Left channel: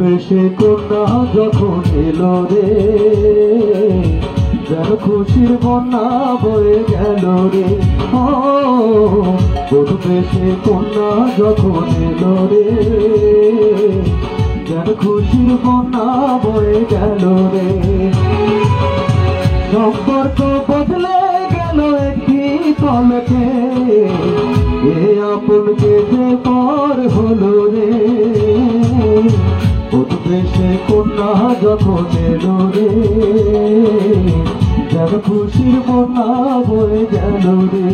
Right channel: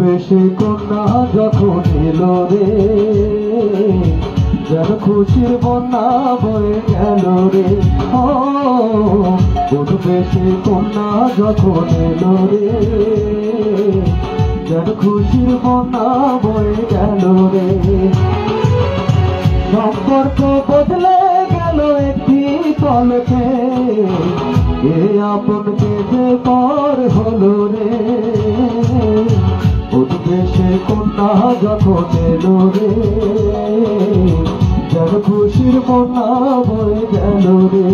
বেশে কন্যা যখন এলো রে, যেন খুশির বন্যা বয়ে গেল রে। বধূ বেশে কন্যা যখন এলো রে, যেন খুশির বন্যা বয়ে গেল রে। সম্পর্ক বদলে গেল একটি পলকে, এ আপনকে যে পর হলো রে। বধূ বেশে কন্যা যখন এলো রে, যেন খুশির বন্যা বয়ে গেল রে।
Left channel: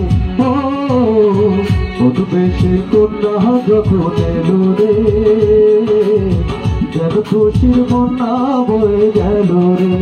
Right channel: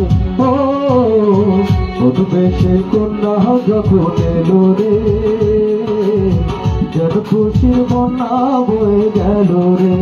বধূ বেশে কন্যা যখন এলো রে, যেন খুশির বন্যা বয়ে গেল রে।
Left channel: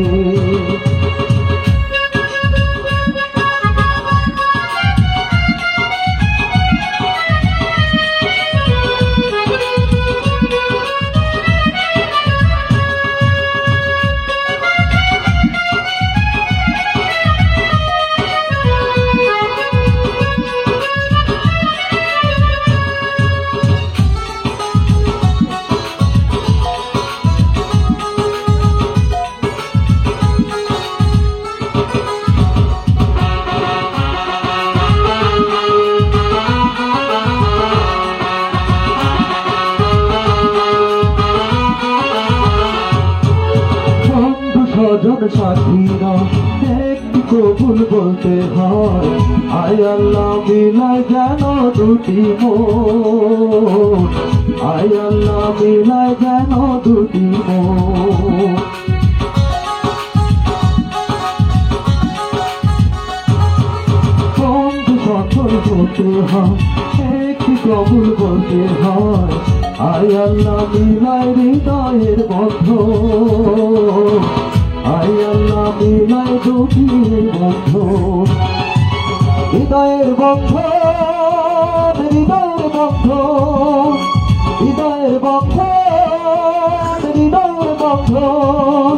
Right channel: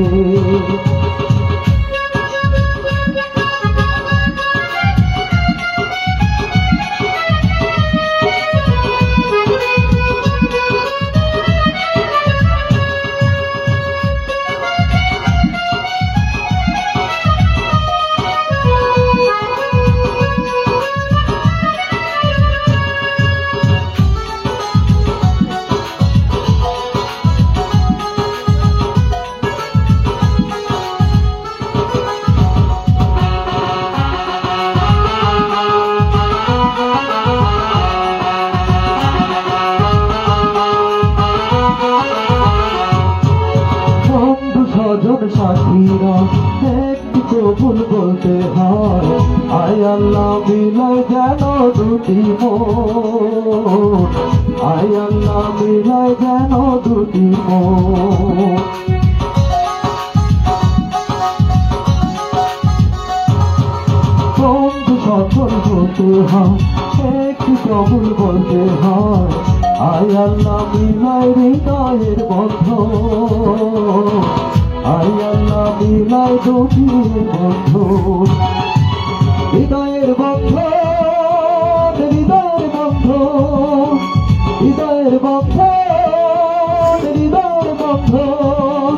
সাথীরা একটু কবুল বলতে হয়, আয় আল্লাহ মিলায় যেন দুটি মন, আয় আল্লাহ মিলায় যেন দুটি মন। বন্ধু সকল বলতে হয়, একটু কবুল বলতে হয়, আয় আল্লাহ মিলায় হৃদয়ের বন্ধন, আয় আল্লাহ মিলায় দুটির বন্ধন। হৃদয়ের বন্ধন, হৃদয়ের বন্ধন, হৃদয়ের বন্ধন, হৃদয়ের বন্ধন।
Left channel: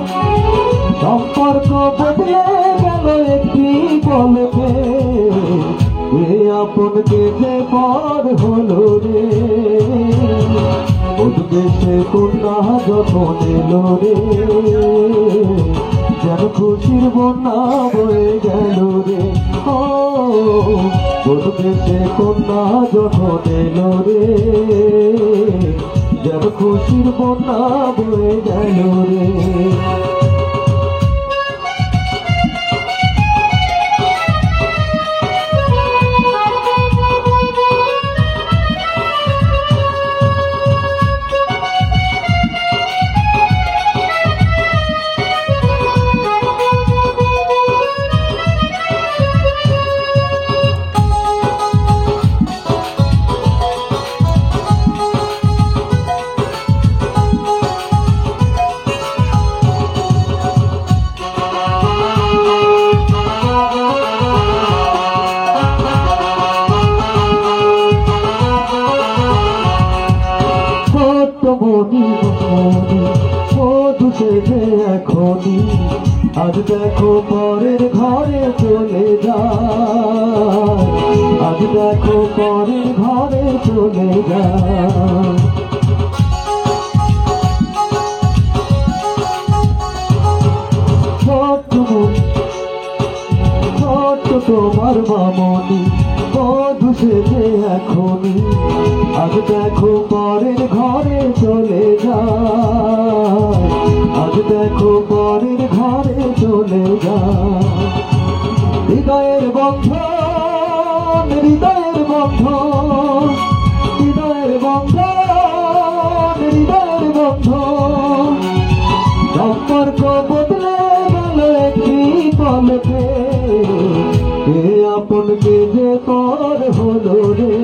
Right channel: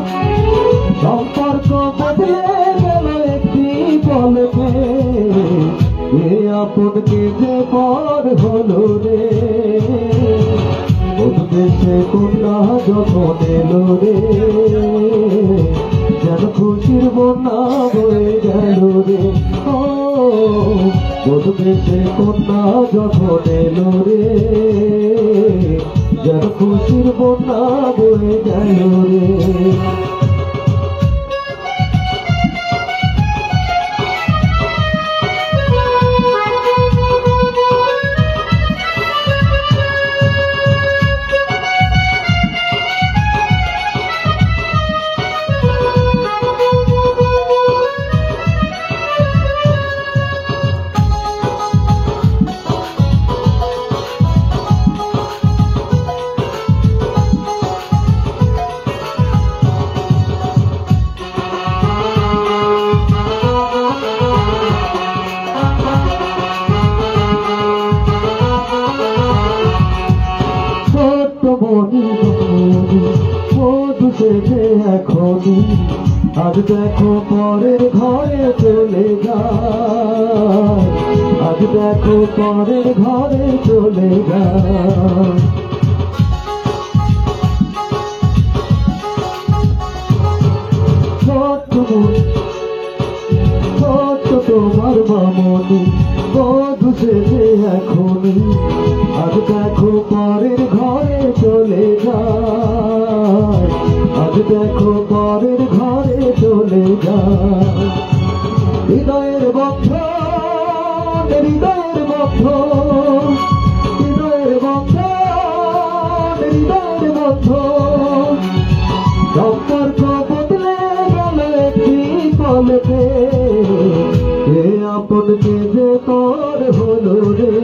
সম্পর্ক বদলে গেল একটি পলকে, এ আপনকে যে পর হলো রে। বধূ বেশে কন্যা যখন এলো রে, যেন খুশির বন্যা বয়ে গেল রে। বধূ বেশে কন্যা যখন এলো রে, যেন খুশির বন্যা বয়ে গেল রে। বধূ সেজে এখনই আজ দেখো পরের ঘরে চলে যায়, আজ দেখো পরের ঘরে চলে যায়। তোমার মামনি বধূ সেজে এখনই আজ দেখো পরের ঘরে চলে যায়, আজ দেখো পরের ঘরে চলে যায়। হৃদয়ের বন্ধন, হৃদয়ের বন্ধন, হৃদয়ের বন্ধন, হৃদয়ের বন্ধন। সম্পর্ক বদলে গেল একটি পলকে, এ আপনকে যে পর হলো রে।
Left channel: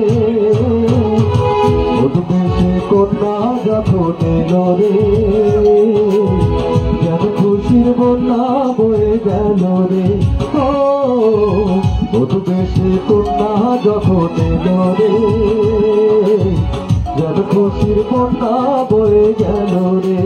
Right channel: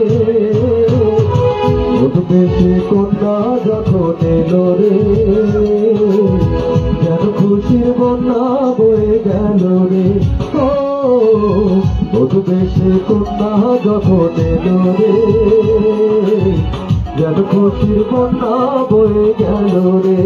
বধূ বেশে কন্যা যখন এলো রে, যেন খুশির বন্যা বয়ে গেল রে। বধূ বেশে কন্যা যখন এলো রে, যেন খুশির বন্যা বয়ে গেল রে।